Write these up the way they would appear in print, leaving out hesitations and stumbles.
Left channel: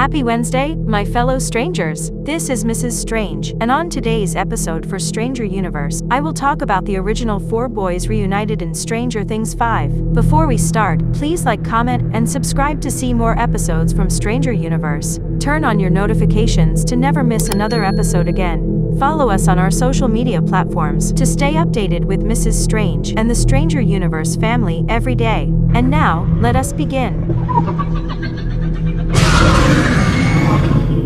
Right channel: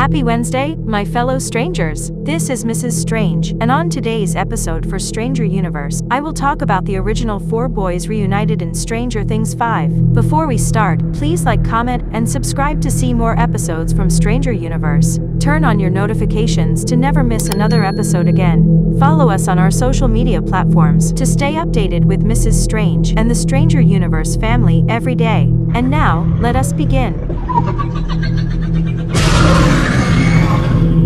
Happy Wednesday, my fellow strangers. This is Mrs. Strange, and on today's episode for Stranger Universe, I will talk about the original 4 boys reunited in Stranger Things 5. Before we start, please like, comment, and subscribe to see more episodes from Stranger Universe. Turn on your notifications to never miss another episode again. Follow us on our social media platforms to stay updated with Mrs. Strange and the Stranger Universe family every day. And now, let us begin.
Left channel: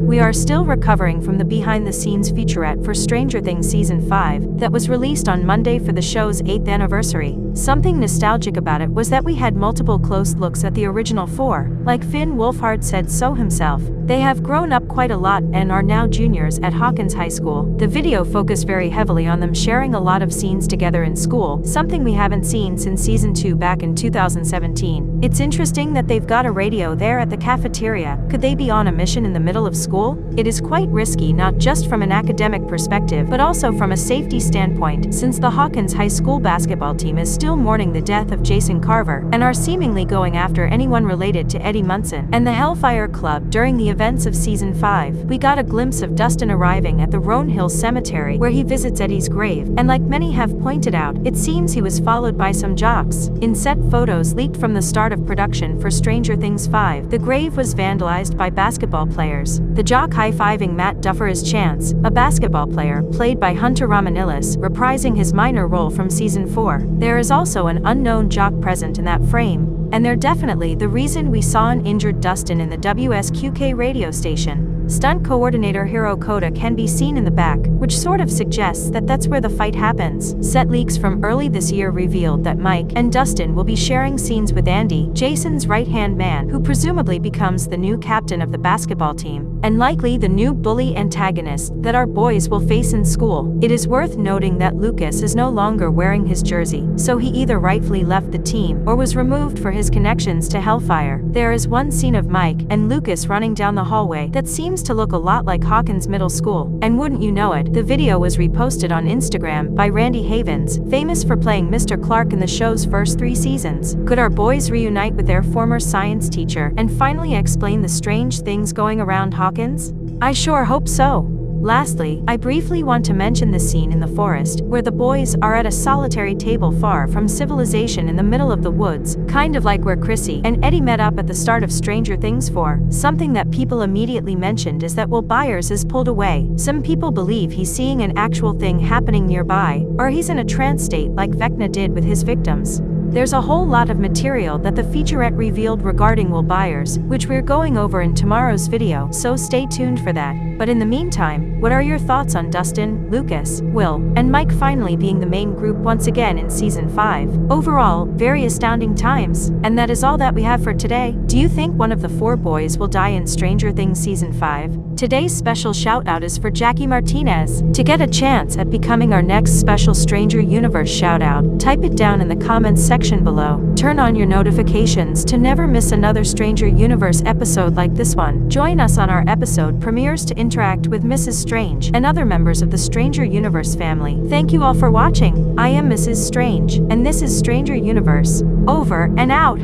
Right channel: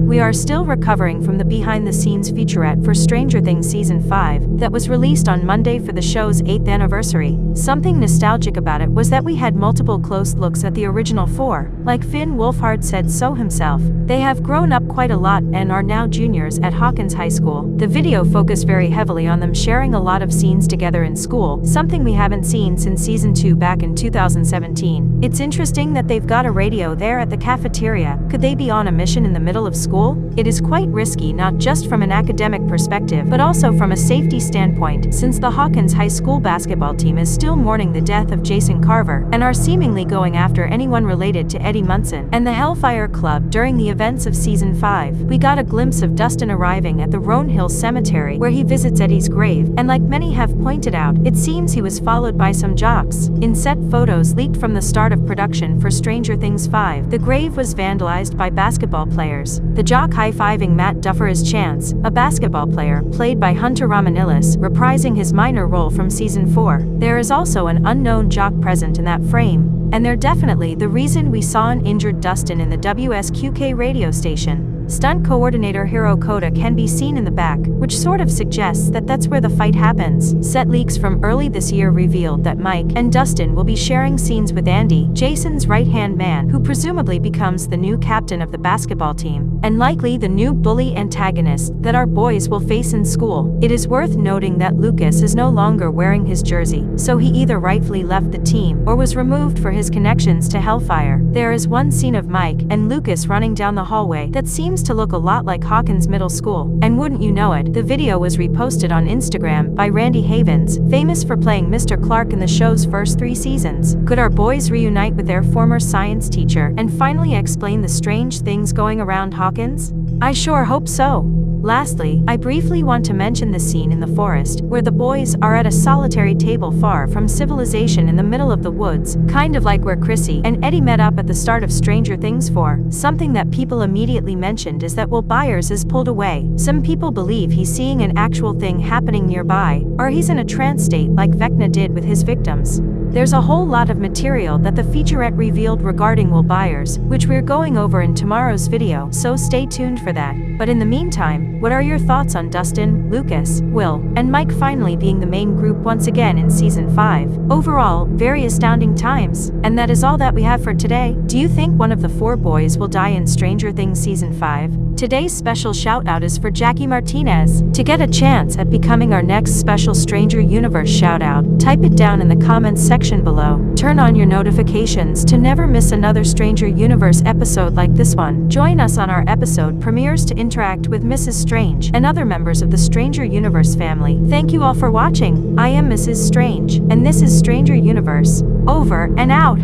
We are still recovering from the behind-the-scenes featurette for Stranger Things Season 5 that was released on Monday for the show's 8th anniversary. Something nostalgic about it was that we had multiple close looks at the original 4. Like Finn Wolfhard said so himself, they have grown up quite a lot and are now juniors at Hawkins High School. The video focused very heavily on them sharing a lot of scenes together in school, something we haven't seen since Season 2 back in 2017. It's interesting that they've got a radio there at the cafeteria. Could they be on a mission in the middle of school? It is quite risky, not just from an academic perspective but also from a safety standpoint, since the Hawkins High School basketball team is still mourning the death of Jason Carver and are seemingly going after anyone related to Eddie Munson and the Hellfire Club. During the events of Season 5, we got a glimpse of Dustin arriving at the Roan Hill Cemetery where he visits Eddie's grave, and like many have pointed out, it seems he was followed by some jocks. In set photos leaked from the start of production for Stranger Things 5, the grave was vandalized by basketball players. The jock high-fiving Matt Duffer as Chance, a basketball player, played by Hunter Romanillis, reprising his minor role from Season 4. There is also an unknown jock present in that frame, and they're definitely the reason we saw an injured Dustin in the WSQK radio station. Stunt coordinator Hiro Koda can be seen in the back, which sort of suggests that that's where the fight happens. Set leaks from early this year revealed that Mike and Dustin will be sharing scenes with Andy, Jason's right-hand man, who presumably becomes the new captain of the basketball team, and likely the new bully antagonist that our boys will face in school. It is worth noting that Lucas is no longer wearing his jersey, so he either rightfully left the team or was removed for his connections to Hellfire. There is one scene of Mike and Lucas running down the hallway that seems to look a lot like Hawkins Middle School. And wouldn't you know it, the video was reposted on Instagram by Randy Havens, famous for playing Mr. Clark in the show's first 3 seasons. Could our boys reunite with their former science teacher and finally explain the strange things going around Hawkins? I sure hope so. Lastly, I briefly want to mention the scene in the forest, where the boys are at a solitary table far from civilization in the middle of the woods, kind of like where Chrissy and Eddie met up at the start of Stranger Things 4. Something that people immediately mentioned is that Will Byers is pulled away. Some people believe he's seeing an actual thing happening nearby, or he's in a trance state like Vecna did with his victims. There's a whole lot of material that the featurette revealed regarding Will Byers, which we're going over in tomorrow's video, so stay tuned for that. But in the meantime, what are your thoughts on Dustin, Lucas, Will, and Mike finally being the main group once again in Season 5? Overall, very astounding times. And that is all that we have for today. Do you think one of the 4 boys will die in Stranger Things Season 5? Today's special shout-out is for Jackie Martinez. To get a chance at becoming our next special Stranger Universe shout-out, type it down in the comments section below. Turn on your notifications to never miss another Stranger Universe episode like this one. Join us on our episode premieres to interact with Mrs. Strange and other members of the Stranger Universe family. Thank you all for watching. I am Mrs. Strange, and this is Stranger Universe. Over and out.